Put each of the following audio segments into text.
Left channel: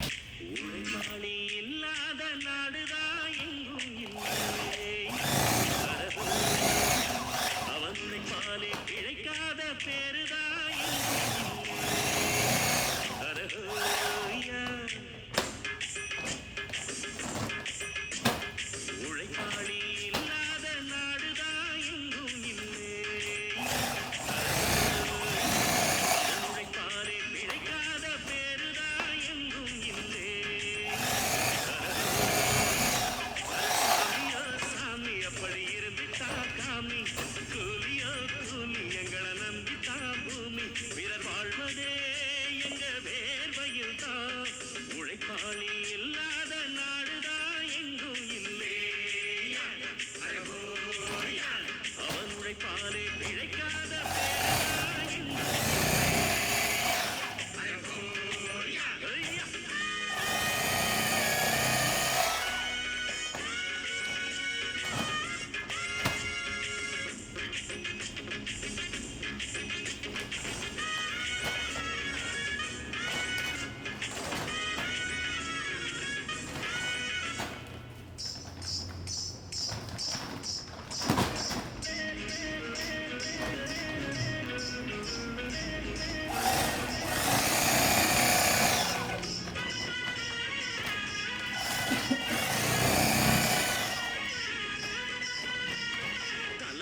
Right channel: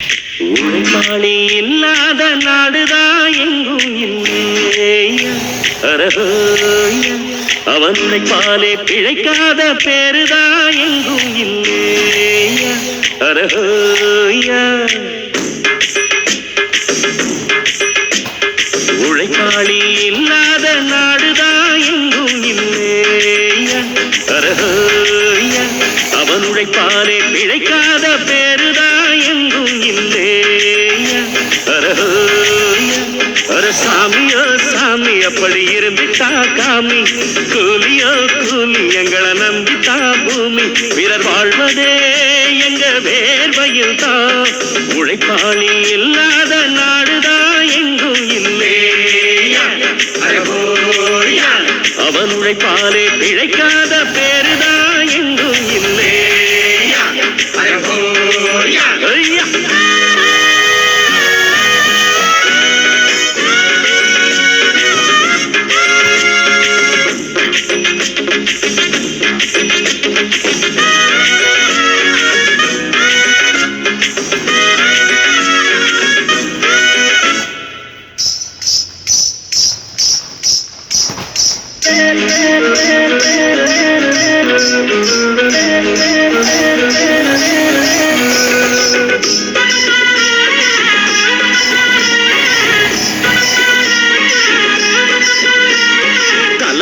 உழைப்பாளி இல்லாத நாடுதான் எங்கும் இல்லையா அரஹோயா அவன் உழைப்பாலே பிழைக்காத பேருதான் எங்கும் இல்லையா அரஹோயா உழைப்பாளி இல்லாத நாடுதான் எங்கும் இல்லையா அரஹோயா அவன் உழைப்பாலே பிழைக்காத பேருதான் எங்கும் இல்லையா அரஹோயா அரசாமியோ சாமி அப்படி இருந்துட்டா காமி கூலியோ கூலி எங்களை நம்பித்தா பூமி வீரர் வாழ்வதே எங்க வேர்வையில் தான் உழைப்பாளி இல்லாத நாடுதான் எங்கும் இல்லையா அரஹோயா அவன் உழைப்பாலே பிழைக்காத பேருதான் எங்கும் இல்லையா அரஹோயா ஐயா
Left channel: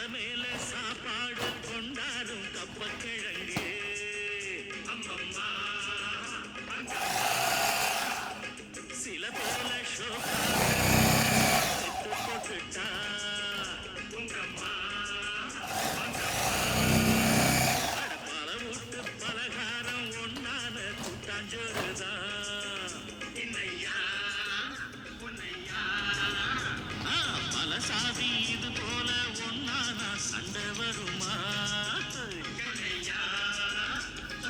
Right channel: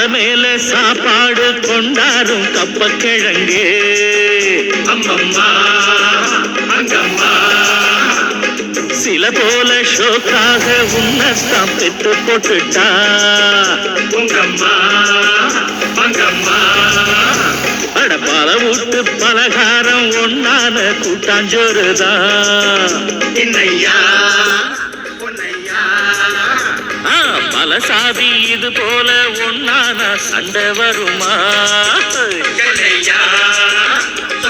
மேல சாப்பாடு கொண்டாரும் கப்பக்கிழங்கு அம்மம்மா அங்கம்மா சில போல ஷோக்காக உன்னத்தான் பெற்று போட்டுட்டா உங்கம்மா அங்கம்மா அடப்பால விட்டு பலகாரம் ஒன்னான கூட்டாஞ்சோறுதான் என்னையா பல சாதி இது போல ஒன்னான சண்டை வருமா